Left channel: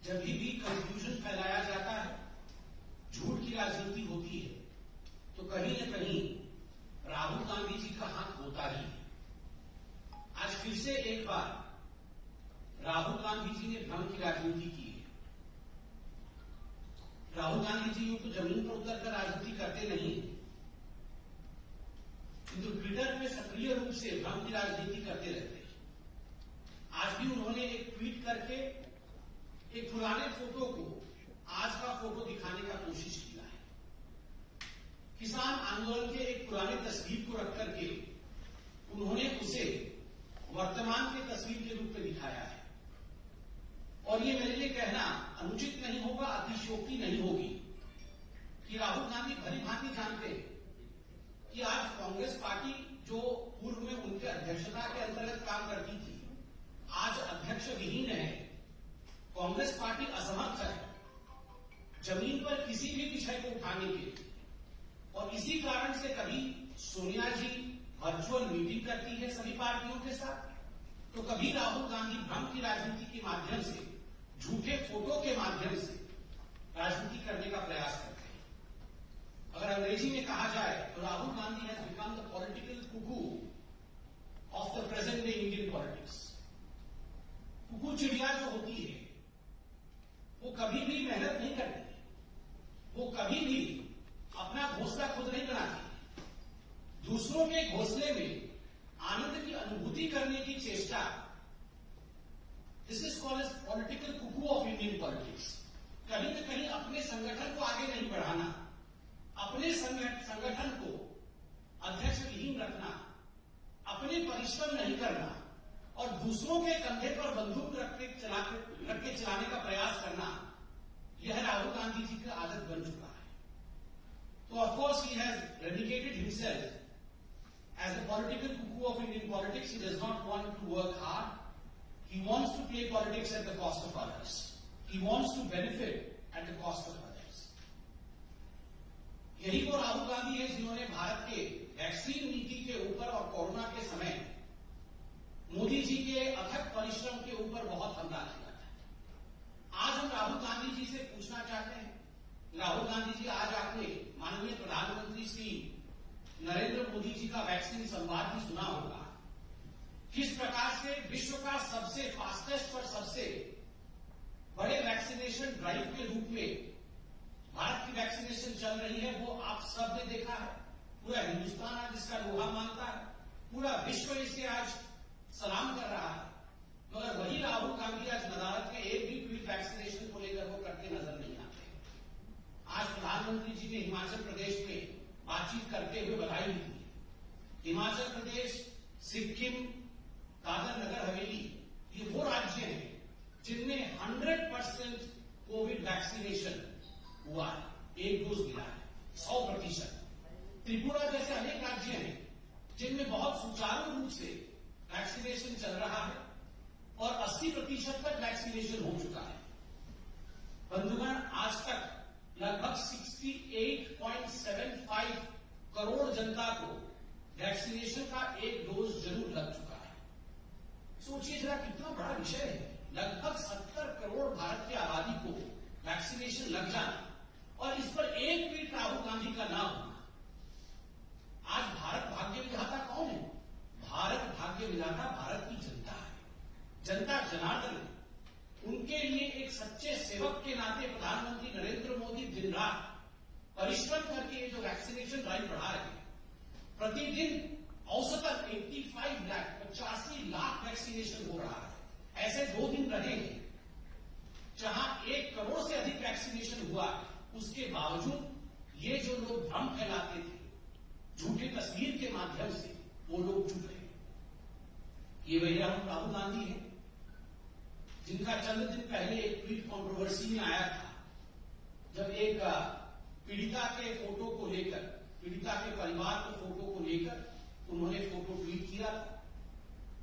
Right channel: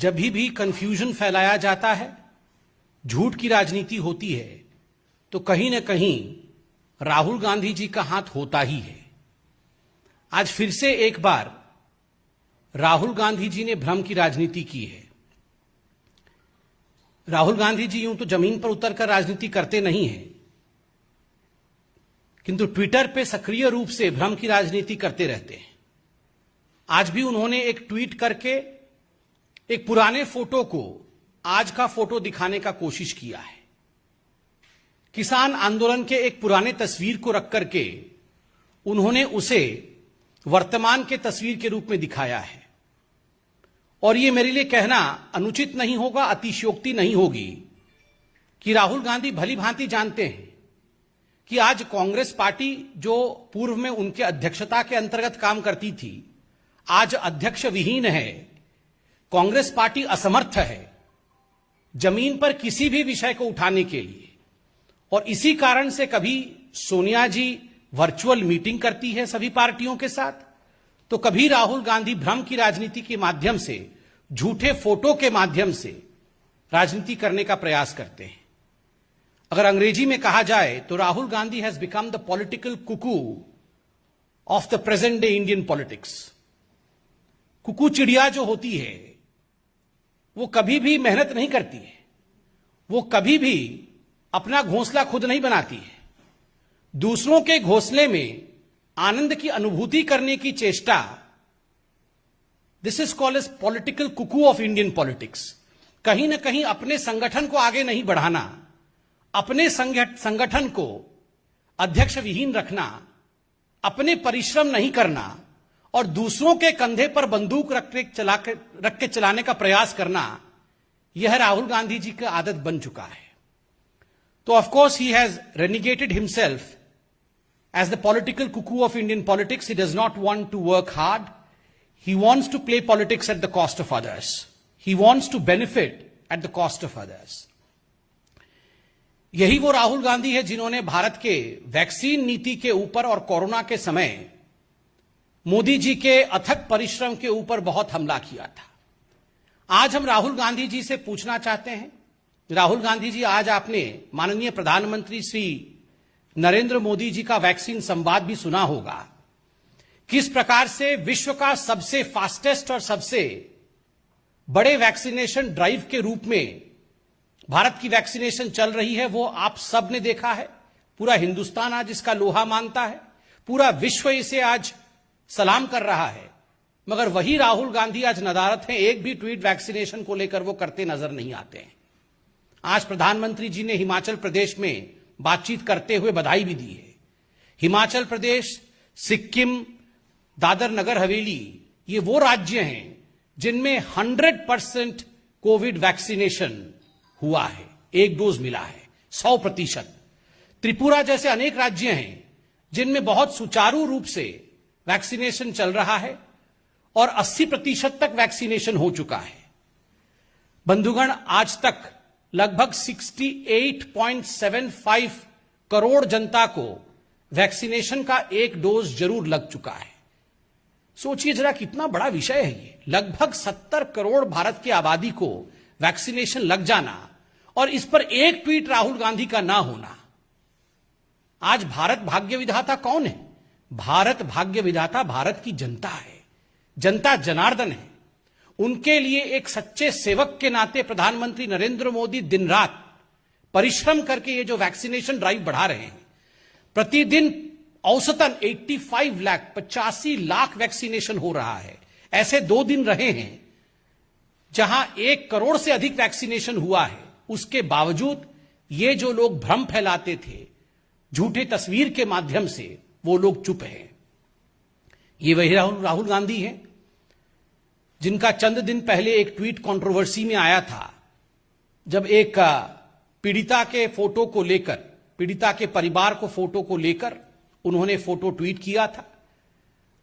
जब भी कंफ्यूजन फैलाया जाता है, झूठ की राजनीति होती है, तो कहीं ना कहीं राहुल गांधी जी का हाथ होता ही है। आज फिर से एक बार राहुल गांधी जी ने भ्रम की राजनीति की है। राहुल गांधी जी यूं तो जमीन पर उतरकर राजनीति करते नहीं हैं, किंतु ट्विटर पे सक्रिय रूप से भ्रम की राजनीति करते रहते हैं। आज भी उन्होंने एक ट्वीट करके एक पुराने फोटो को आज का फोटो दिखाने का कोशिश किया है। किसान आंदोलन के एक पुराने तस्वीर को रख करके उन्होंने उसे वर्तमान के तस्वीर के रूप में दिखाया है। और यह मेरे लिए कहना अनुचित नहीं होगा, अतिशयोक्ति नहीं होगी कि राहुल गांधी भली भांति जानते हैं कि आज कांग्रेस पार्टी जो पूर्व में उनके अध्यक्षता के अंतर्गत काम करती थी, आज अध्यक्ष विहीन है। कांग्रेस पार्टी असमर्थ है जमीन पर किसी भी विषय को उठाने के लिए। और इसी कारण से कभी सोनिया जी वर्चुअल मीटिंग करती है सभी पार्टियों के साथ, तो कभी राहुल गांधी भ्रम की राजनीति के माध्यम से, झूठे फोटो के माध्यम से राजनीति करने का प्रयास करते हैं। अगर अंग्रेजी में कहा जाए तो Rahul Gandhi has become the political cuckoo of the present day Indian politics. Cuckoo चिड़िया जो होती है वो कभी भी मेहनत नहीं करती है, वो कभी भी अपना घोंसला खुद नहीं बनाती है। दूसरों के घोंसले में आनंद की अनुभूति करने की चेष्टा, this is called as political cuckoo of Indian politics. कहीं ना कहीं अपने संगठन को आगे नहीं बढ़ाना, अपने संगठन को अध्यक्ष विहीन रखना, अपने परिश्रम नहीं करना और दूसरों के कंधे पर बंदूक रख के चलाने का प्रयास करना, यह राहुल गांधी जी की आदत बन चुका है। तो of course he has renegaded himself as the political cuckoo of Indian politics. He does not want to work hard. He wants to play politics at the cost of others. He wants to benefit at the cost of others. यही वो राहुल गांधी है जिन्होंने भारत के vaccine नीति के ऊपर और corona के समय मोदी जी के अथक परिश्रम के ऊपर बहुत हमला किया था। आज हम राहुल गांधी जी से पूछना चाहते हैं, राहुल गांधी जी, आज आपने माननीय प्रधानमंत्री श्री नरेंद्र मोदी जी का वैक्सीन संवाद भी सुना होगा। किस प्रकार से विश्व का सबसे फास्टेस्ट और सबसे बड़े वैक्सीनेशन ड्राइव के रूप में भारत की वैक्सीनेशन चल रही है, वो आप सब ने देखा है। पूरा हिंदुस्तान आज इसका लोहा मानता है, पूरा विश्व इसे आज सलाम कर रहा है। मगर वही राहुल गांधी आज नदारत हैं, एक भी ट्वीट वैक्सीनेशन को लेकर वो करते नजर नहीं आते हैं। आज प्रधानमंत्री जी ने हिमाचल प्रदेश में बातचीत करते हुए बधाई भी दी है। हिमाचल प्रदेश, सिक्किम, दादर नगर हवेली, ये वो राज्य हैं जिनमें 100% कोविड वैक्सीनेशन हुआ है, एक डोज मिला है, 100%। त्रिपुरा जैसे अनेक राज्य हैं जिनमें बहुत सुचारू रूप से वैक्सीनेशन चल रहा है और 80% तक वैक्सीनेशन हो चुका है। बंधुगण, आज तक लगभग 68.75 करोड़ जनता को वैक्सीनेशन का एक डोज जरूर लग चुका है। सोचिए जरा कितना बड़ा विषय है ये। लगभग 70 करोड़ भारत की आबादी को वैक्सीनेशन लग जाना और इस पर एक ट्वीट राहुल गांधी का ना होना। आज भारत भाग्य विधाता कौन है? भारत भाग्य विधाता भारत की जनता है। जनता जनार्दन है। उनके लिए एक सच्चे सेवक के नाते प्रधानमंत्री नरेंद्र मोदी दिन रात परिश्रम करके ये जो वैक्सीनेशन ड्राइव बढ़ा रहे हैं, प्रतिदिन औसतन 85 लाख वैक्सीनेशन हो रहा है। ऐसे 2 दिन रहे हैं जहां 1 करोड़ से अधिक वैक्सीनेशन हुआ है। उसके बावजूद ये जो लोग भ्रम फैलाते थे झूठे तस्वीर के माध्यम से, वो लोग चुप हैं। ये वही राहुल गांधी हैं जिनका चंद दिन पहले एक ट्वीट कंट्रोवर्सी में आया था, जब एक पीड़िता के फोटो को लेकर, पीड़िता के परिवार को फोटो को लेकर उन्होंने फोटो ट्वीट किया था।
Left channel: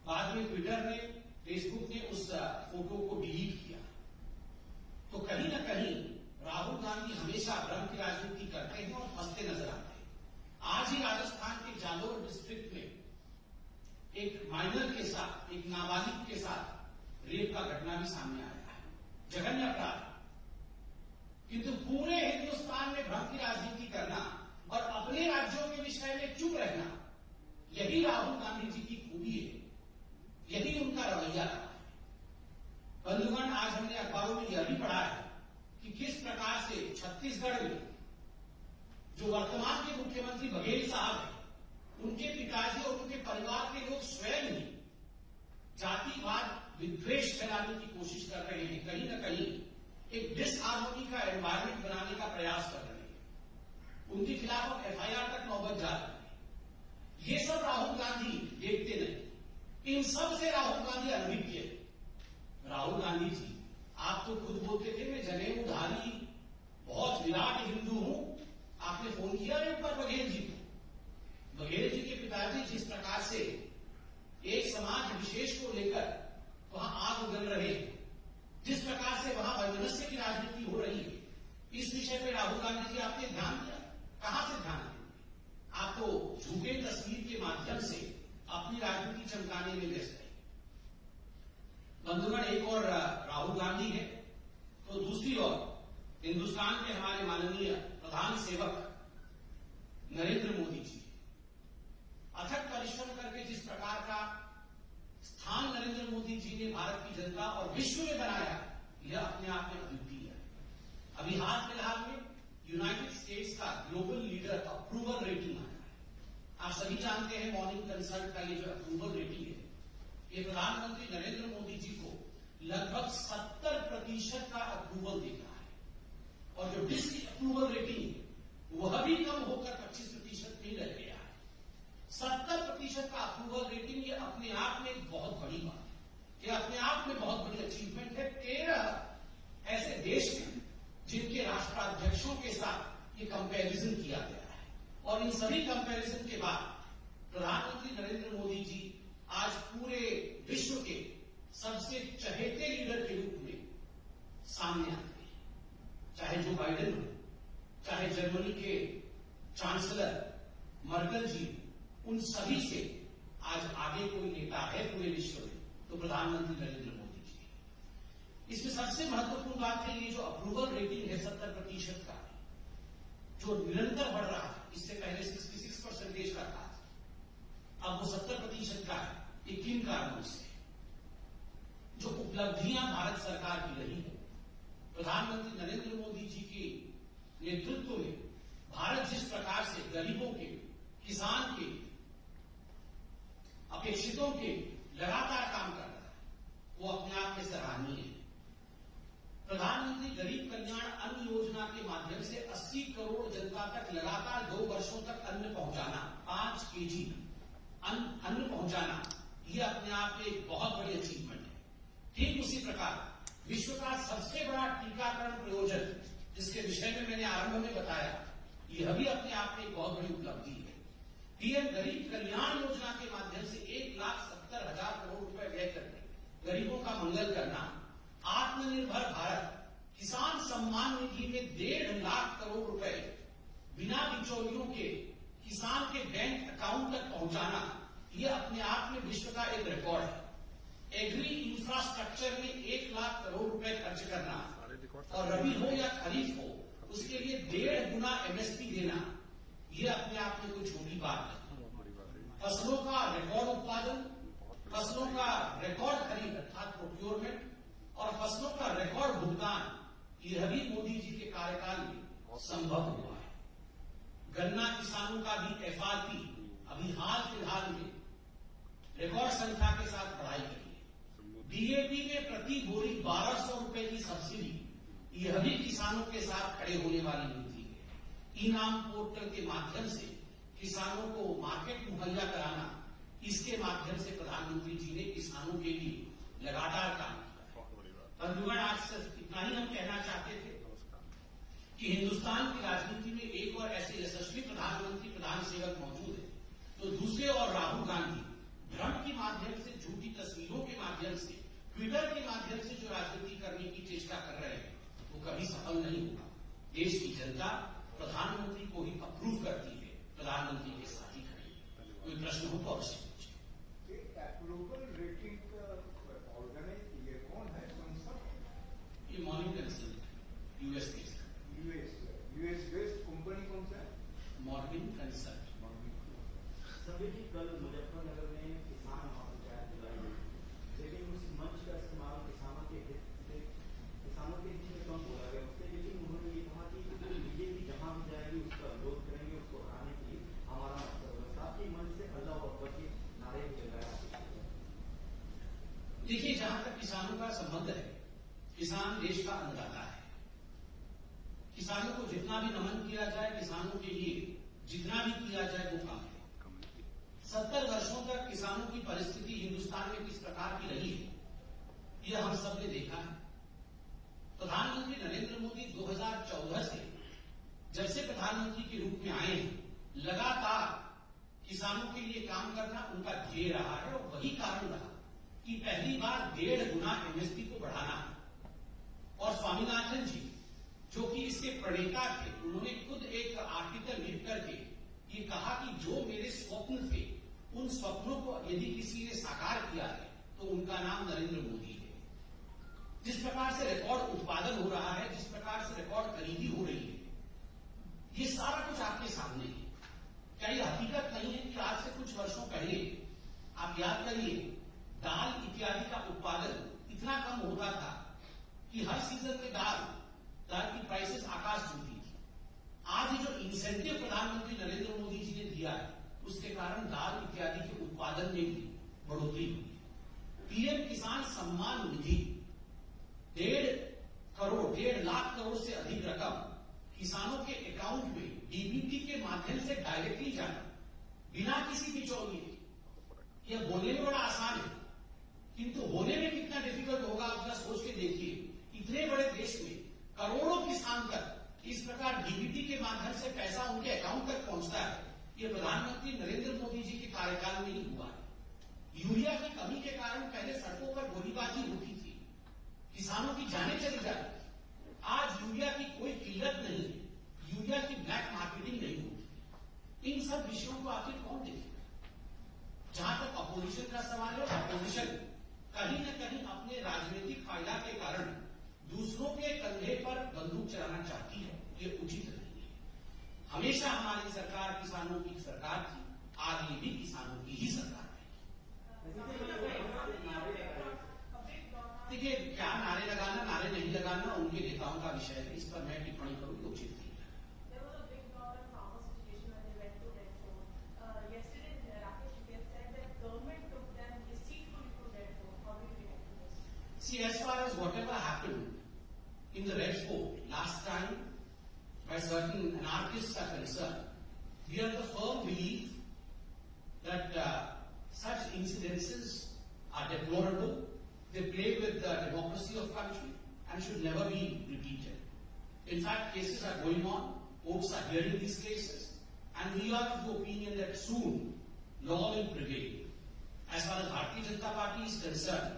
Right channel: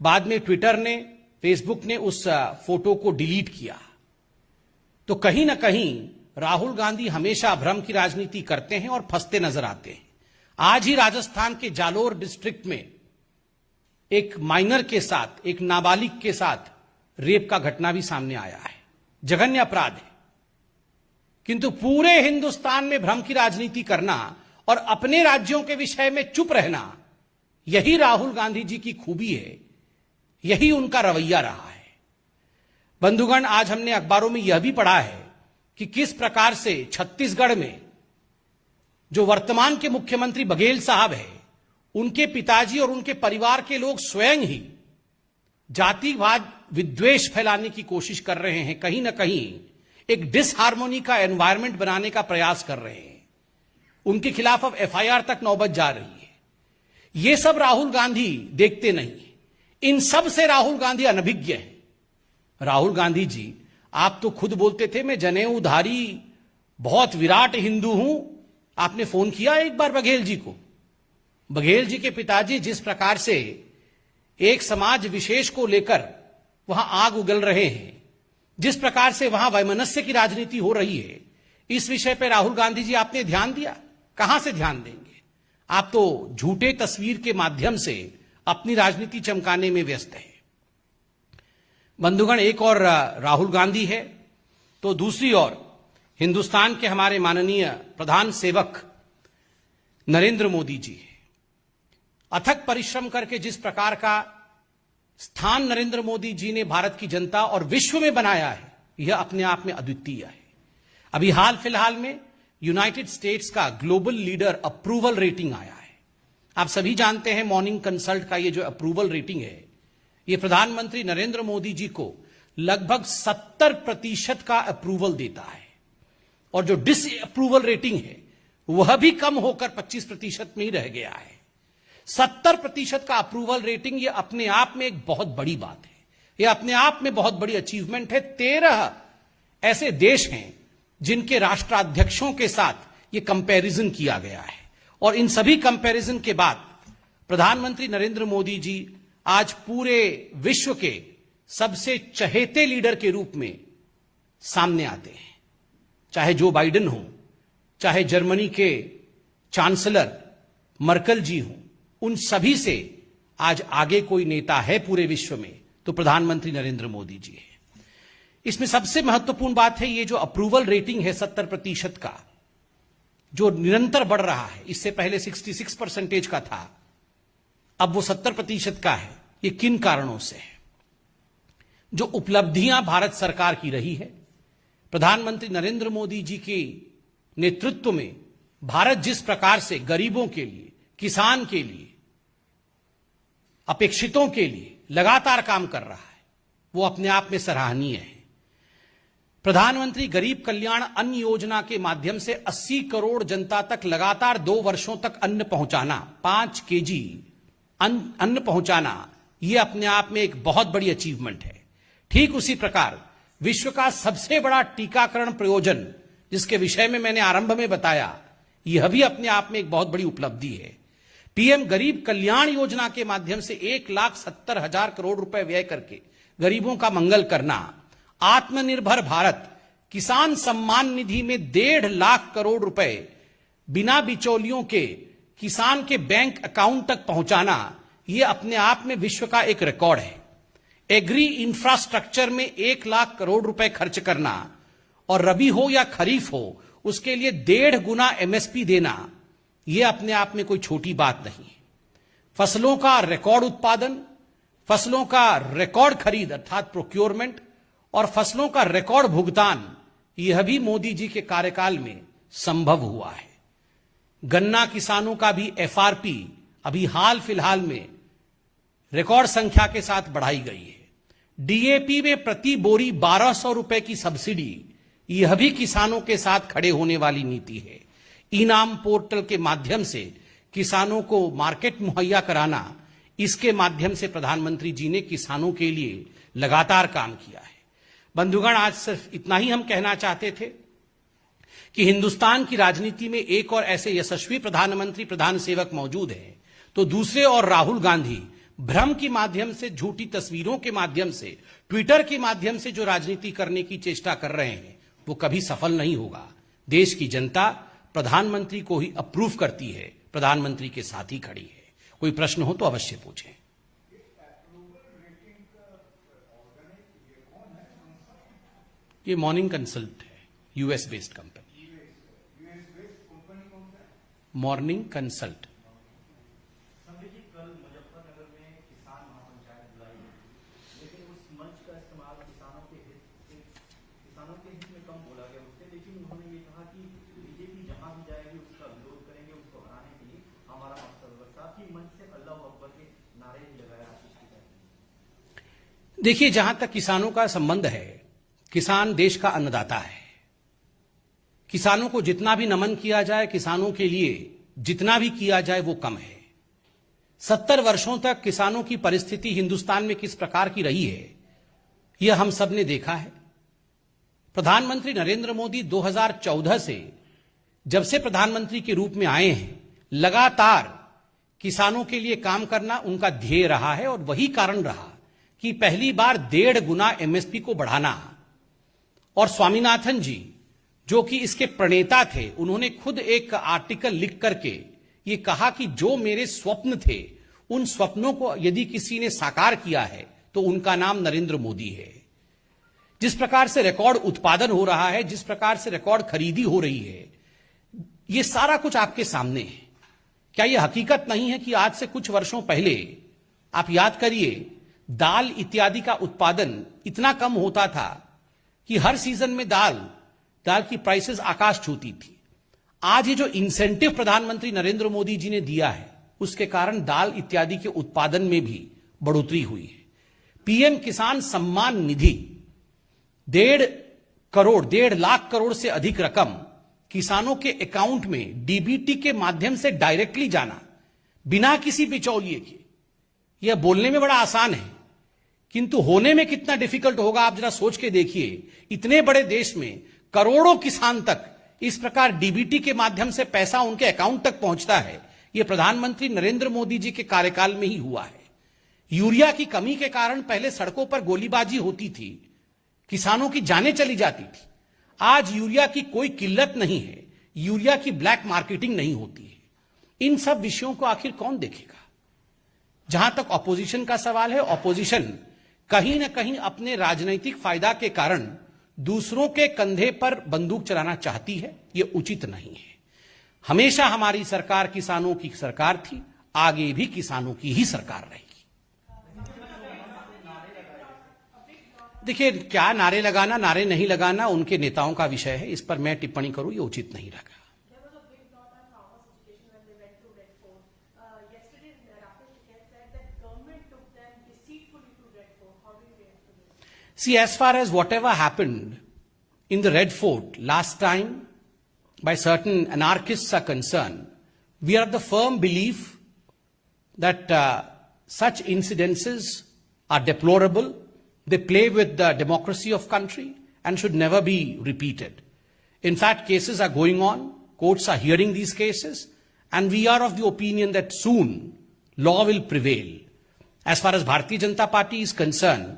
बाद में ट्विटर ने, फेसबुक ने उस फोटो को डिलीट किया। तो कहीं ना कहीं राहुल गांधी हमेशा भ्रम की राजनीति करते हैं और फंसते नजर आते हैं। आज ही राजस्थान के जालोर डिस्ट्रिक्ट में एक माइनर के साथ, एक नाबालिग के साथ रेप का घटना भी सामने आया है। जघन्य अपराध है, किंतु पूरे हिंदुस्तान में भ्रम की राजनीति करना और अपने राज्यों के विषय में चुप रहना, यही राहुल गांधी जी की खूबी है, यही उनका रवैया रहा है। बंधुगण, आज हमने अखबारों में यह भी पढ़ा है कि किस प्रकार से छत्तीसगढ़ में जो वर्तमान के मुख्यमंत्री बघेल साहब हैं, उनके पिताजी और उनके परिवार के लोग स्वयं ही जातिवाद विद्वेष फैलाने की कोशिश कर रहे हैं, कहीं ना कहीं एक डिसहार्मोनी का एनवायरनमेंट बनाने का प्रयास कर रहे हैं। उनके खिलाफ अब एफआईआर तक नौबत जा रही है। ये सब राहुल गांधी देखते नहीं, इन सब से राहुल गांधी अनभिज्ञ है। राहुल गांधी जी, आप तो खुद बोलते थे मैं जनेऊधारी बहुत विराट हिंदू हूं। आपने फोन किया एक बार बघेल जी को? बघेल जी के पिताजी जिस प्रकार से एक समाज विशेष को लेकर वहां आग उगल रहे हैं, जिस प्रकार से वहां वैमनस्य की राजनीति हो रही है, इस विषय पर राहुल गांधी जी आपने ध्यान दिया? कहां से ध्यान देंगे? आप तो झूठे तस्वीर के माध्यम से अपनी राजनीति चमकाने में व्यस्त है। बंधुगण, एक और राहुल गांधी है तो दूसरी ओर हिंदुस्तान के हमारे माननीय प्रधान सेवक नरेंद्र मोदी जी है। अथक परिश्रम करके जिस प्रकार का स्थान नरेंद्र मोदी जी ने भारत की जनता और विश्व में बनाया है, यह अपने आप में अद्वितीय है। अभी हाल फिलहाल में यूनाइटेड स्टेट्स का ग्लोबल लीडर अप्रूवल रेटिंग आया है। आप सभी जानते हैं मॉर्निंग कंसल्ट का ये जो अप्रूवल रेटिंग है, ये प्रधानमंत्री नरेंद्र मोदी जी को लगभग 70% का अप्रूवल देता है, और जो डिसअप्रूवल रेटिंग है वह भी कम होकर 25% में ही रह गया है। 70% का अप्रूवल रेटिंग, ये अपने आप में एक बहुत बड़ी बात है, ये अपने आप में बहुत बड़ी अचीवमेंट है। 13 ऐसे देश हैं जिनके राष्ट्राध्यक्षों के साथ ये कंपैरिजन किया गया है, और इन सभी कंपैरिजन के बाद प्रधानमंत्री नरेंद्र मोदी जी आज पूरे विश्व के सबसे चहेते लीडर के रूप में सामने आते हैं। चाहे जो बाइडेन हो, चाहे जर्मनी के चांसलर मर्कल जी हो, उन सभी से आज आगे कोई नेता है पूरे विश्व में तो प्रधानमंत्री नरेंद्र मोदी जी है। इसमें सबसे महत्वपूर्ण बात है ये जो अप्रूवल रेटिंग है 70% का, जो निरंतर बढ़ रहा है। इससे पहले 66% का था, अब वो 70% का है। ये किन कारणों से है? जो उपलब्धियां भारत सरकार की रही है, प्रधानमंत्री नरेंद्र मोदी जी के नेतृत्व में भारत जिस प्रकार से गरीबों के लिए, किसान के लिए, अपेक्षितों के लिए लगातार काम कर रहा है, वो अपने आप में सराहनीय है। प्रधानमंत्री गरीब कल्याण अन्न योजना के माध्यम से 80 करोड़ जनता तक लगातार 2 वर्षों तक अन्न पहुंचाना, 5 केजी अन्न पहुंचाना, यह अपने आप में एक बहुत बड़ी अचीवमेंट है। ठीक उसी प्रकार विश्व का सबसे बड़ा टीकाकरण प्रयोजन, जिसके विषय में मैंने आरंभ में बताया, यह भी अपने आप में एक बहुत बड़ी उपलब्धि है। पीएम गरीब कल्याण योजना के माध्यम से 1,70,000 करोड़ रुपए व्यय करके गरीबों का मंगल करना, आत्मनिर्भर भारत किसान सम्मान निधि में 1.5 लाख करोड़ रुपए बिना बिचौलियों के किसान के बैंक अकाउंट तक पहुंचाना, यह अपने आप में विश्व का एक रिकॉर्ड है। एग्री इंफ्रास्ट्रक्चर में 1 लाख करोड़ रुपए खर्च करना, और रबी हो या खरीफ हो उसके लिए 1.5 गुना एमएसपी देना, यह अपने आप में कोई छोटी बात नहीं है। फसलों का रिकॉर्ड उत्पादन, फसलों का रिकॉर्ड खरीद अर्थात प्रोक्योरमेंट, और फसलों का रिकॉर्ड भुगतान, यह भी मोदी जी के कार्यकाल में संभव हुआ है। गन्ना किसानों का भी एफआरपी अभी हाल फिलहाल में रिकॉर्ड संख्या के साथ बढ़ाई गई है। डीएपी में प्रति बोरी 1200 रुपए की सब्सिडी, यह भी किसानों के साथ खड़े होने वाली नीति है। इनाम पोर्टल के माध्यम से किसानों को मार्केट मुहैया कराना, इसके माध्यम से प्रधानमंत्री जी ने किसानों के लिए लगातार काम किया है। बंधुगण, आज सिर्फ इतना ही हम कहना चाहते थे कि हिंदुस्तान की राजनीति में एक और ऐसे यशस्वी प्रधानमंत्री, प्रधान सेवक मौजूद हैं, तो दूसरे और राहुल गांधी भ्रम के माध्यम से, झूठी तस्वीरों के माध्यम से, ट्विटर के माध्यम से जो राजनीति करने की चेष्टा कर रहे हैं, वो कभी सफल नहीं होगा। देश की जनता प्रधानमंत्री को ही अप्रूव करती है, प्रधानमंत्री के साथ ही खड़ी है। कोई प्रश्न हो तो अवश्य पूछें। ये मॉर्निंग कंसल्ट है, US based company. US based company कौन सा है? Morning consult. कल मुजफ्फरनगर में किसान महापंचायत बुलाई गई, लेकिन उस मंच का इस्तेमाल किसानों के हित में कम बोला गया उससे, लेकिन उन्होंने ये कहा कि बीजेपी जहां भी जाएगी उसका विरोध करेंगे, उसको हराने के लिए हमारा मकसद होगा। साथ ही मंच से अल्लाह अकबर के नारे भी लगाया। देखिए, जहां तक किसानों का संबंध है, किसान देश का अन्नदाता है। किसानों को जितना भी नमन किया जाए, किसानों के लिए जितना भी किया जाए वो कम है। 70 वर्षों तक किसानों की परिस्थिति हिंदुस्तान में किस प्रकार की रही है, यह हम सब ने देखा है। प्रधानमंत्री नरेंद्र मोदी 2014 से जब से प्रधानमंत्री के रूप में आए हैं, लगातार किसानों के लिए काम करना उनका ध्येय रहा है और वही कारण रहा कि पहली बार 1.5 गुना एमएसपी को बढ़ाना। और स्वामीनाथन जी, जो कि इसके प्रणेता थे, उन्होंने खुद एक आर्टिकल लिख करके ये कहा कि जो मेरे स्वप्न थे, उन स्वप्नों को यदि किसी ने साकार किया है तो उनका नाम नरेंद्र मोदी है। जिस प्रकार से रिकॉर्ड उत्पादन हो रहा है, जिस प्रकार से रिकॉर्ड खरीदी हो रही है, ये सारा कुछ आपके सामने है। क्या यह हकीकत नहीं है कि आज से कुछ वर्षों पहले आप याद करिए, दाल इत्यादि का उत्पादन इतना कम होता था कि हर सीजन में दाल की प्राइसेस आकाश छूती थी। आज ये जो इंसेंटिव प्रधानमंत्री नरेंद्र मोदी जी ने दिया है, उसके कारण दाल इत्यादि के उत्पादन में भी बढ़ोतरी हुई है। पीएम किसान सम्मान निधि 1.5 लाख करोड़ से अधिक रकम किसानों के अकाउंट में डीबीटी के माध्यम से डायरेक्टली जाना, बिना किसी बिचौलिए के। यह बोलने में बड़ा आसान है, किंतु होने में कितना डिफिकल्ट होगा आप जरा सोच के देखिए। इतने बड़े देश में करोड़ों किसान तक इस प्रकार डीबीटी के माध्यम से पैसा उनके अकाउंट तक पहुंचता है, यह प्रधानमंत्री नरेंद्र मोदी जी के कार्यकाल में ही हुआ है। यूरिया की कमी के कारण पहले सड़कों पर गोलीबाजी होती थी, किसानों की जानें चली जाती थी। आज यूरिया की कोई किल्लत नहीं है, यूरिया की ब्लैक मार्केटिंग नहीं होती है। इन सब विषयों को आखिर कौन देखेगा? जहां तक ऑपोजिशन का सवाल है, ऑपोजिशन कहीं ना कहीं अपने राजनीतिक फायदा के कारण दूसरों के कंधे पर बंदूक चलाना चाहती है। यह उचित नहीं है। हमेशा हमारी सरकार किसानों की सरकार थी, आगे भी किसानों की ही सरकार रहेगी। देखिए, क्या नारे लगाना, नारे नहीं लगाना उनके नेताओं का विषय है, इस पर मैं टिप्पणी करूं ये उचित नहीं रहेगा। See, as far as whatever happened in the Red Fort last time by certain anarchists are concerned, we are of the firm belief that such incidences are deplorable. They play with the democracy of country and should never be repeated. In fact, cases are going on, courts are hearing these cases, and we are of the opinion that soon law will prevail. As far as Bharatiya Janata Party is concerned,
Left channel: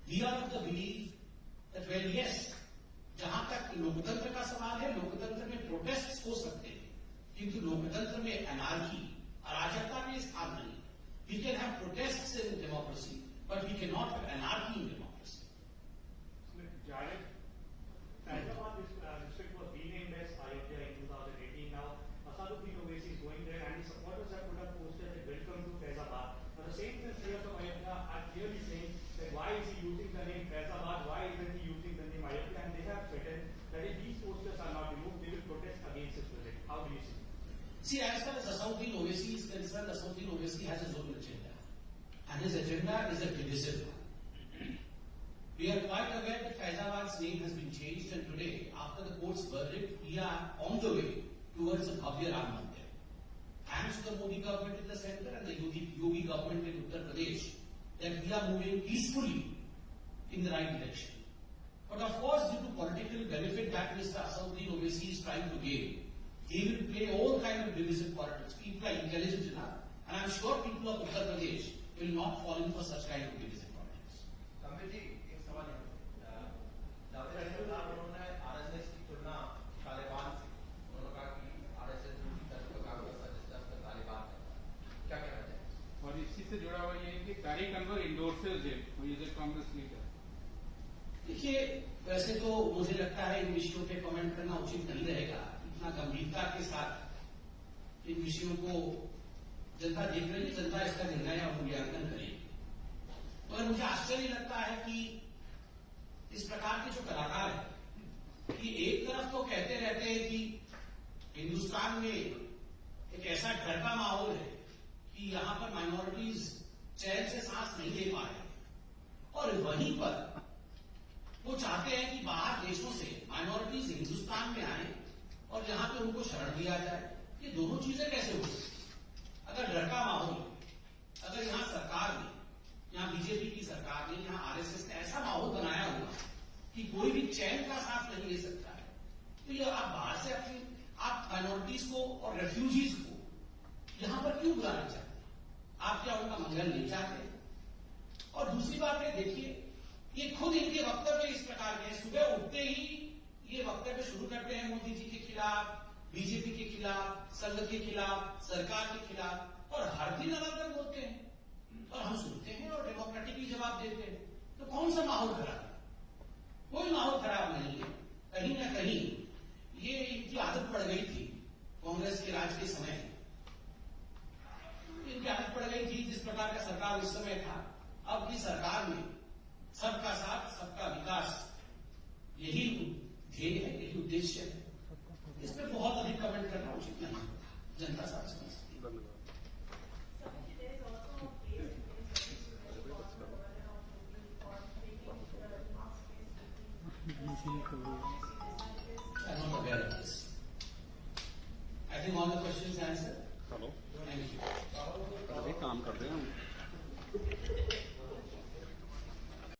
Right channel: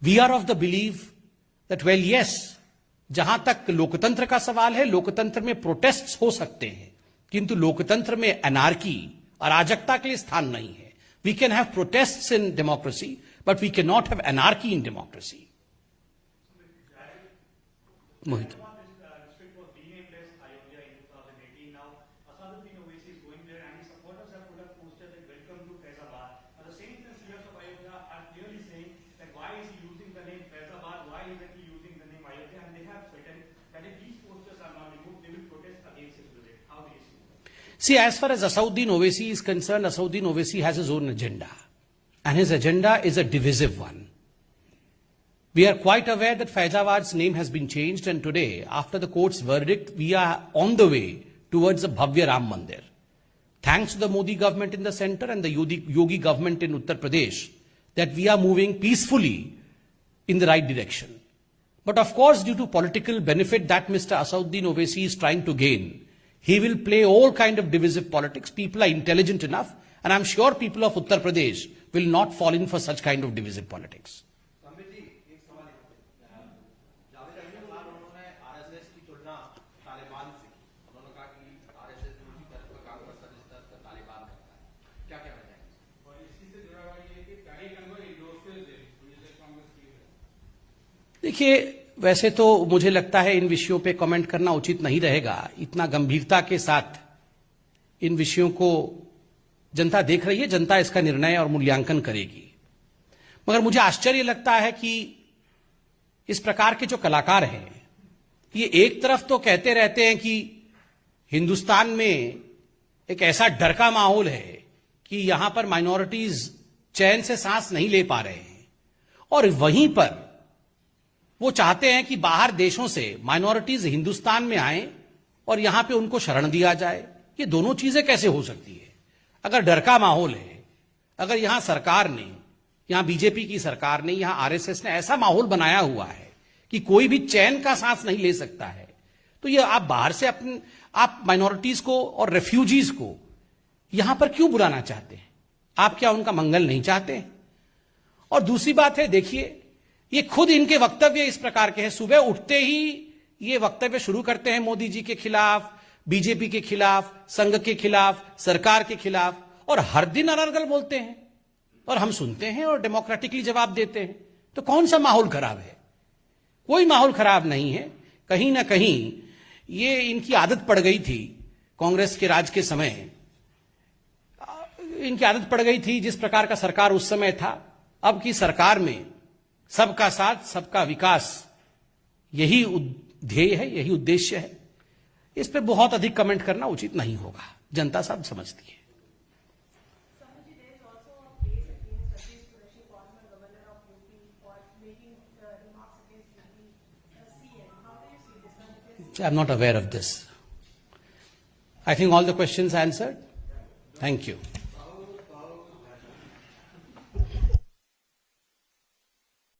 we are of the belief that, well, yes, जहां तक लोकतंत्र का सवाल है, लोकतंत्र में protests हो सकते हैं, किंतु लोकतंत्र में अनार्की, अराजकता के लिए स्थान नहीं है। We can have protests in democracy, but we cannot have anarchy in democracy. Mohit. See, as far as Asauddin Owaisi is concerned, Asauddin Owaisi has his own agenda. And his agenda is a divisive one. We are quite aware that Faizabad's name has been changed, and today, after the court's verdict, we are on the way towards the Bhavya Ram Mandir. Thanks to the Modi government in the center and the Yogi government in Uttar Pradesh, that we are moving peacefully in the right direction. But of course, due to political benefit that Mr. Asauddin Owaisi is trying to gain, he will play all kind of divisive politics. People are intelligent enough, and I'm sure people of Uttar Pradesh will not fall in for such kind of divisive politics. देखिए, वैसे तो मुझे लगता है इन विषयों पे comment करना उचित नहीं रहेगा। इतना गंभीरता के साथ इन विषयों को जनता देख रही है, जनता इसका निर्णय और मूल्यांकन करेगी। मगर मुझे आश्चर्य लगता है कि इस प्रकार के जो कलाकार हैं, ये एक तरफ तो कहते रहते हैं कि हिंदुस्तान में एक ऐसा डर का माहौल है कि यहां पर माइनॉरिटीज चैन से सांस नहीं ले पा रहे हैं, और वहीं पर वो चाहते हैं कि बाहर देशों से माइनॉरिटीज हिंदुस्तान में आए और यहां पे उनको शरण दिया जाए। ये दोनों चीजें कैसे हो सकती है? अगर डर का माहौल है, अगर यहां सरकार ने, यहां बीजेपी की सरकार ने, यहां आरएसएस ने ऐसा माहौल बनाया हुआ है कि कोई भी चैन का सांस नहीं ले सकता है, तो ये आप बाहर से आप माइनॉरिटीज को और रेफ्यूजीज को यहां पर क्यों बुलाना चाहते हैं? आप क्या उनका मंगल नहीं चाहते? और दूसरी बात है, देखिए, ये खुद इनके वक्तव्य इस प्रकार के हैं। सुबह उठते ही ये वक्तव्य शुरू करते हैं मोदी जी के खिलाफ, बीजेपी के खिलाफ, संघ के खिलाफ, सरकार के खिलाफ, और हर दिन अनर्गल बोलते हैं और हम सुनते हैं और डेमोक्रेटिकली जवाब देते हैं। तो कौन सा माहौल खराब है? कोई माहौल खराब नहीं है। कहीं ना कहीं ये इनकी आदत पड़ गई थी, कांग्रेस के राज के समय इनकी आदत पड़ गई थी, जिस प्रकार का सरकार उस समय था। अब की सरकार में सबका साथ, सबका विकास, यही ध्येय है, यही उद्देश्य है। इस पे बहुत अधिक कमेंट करना उचित नहीं होगा, जनता सब समझती है। I'm not aware of this. I think all the questions answered. Thank you.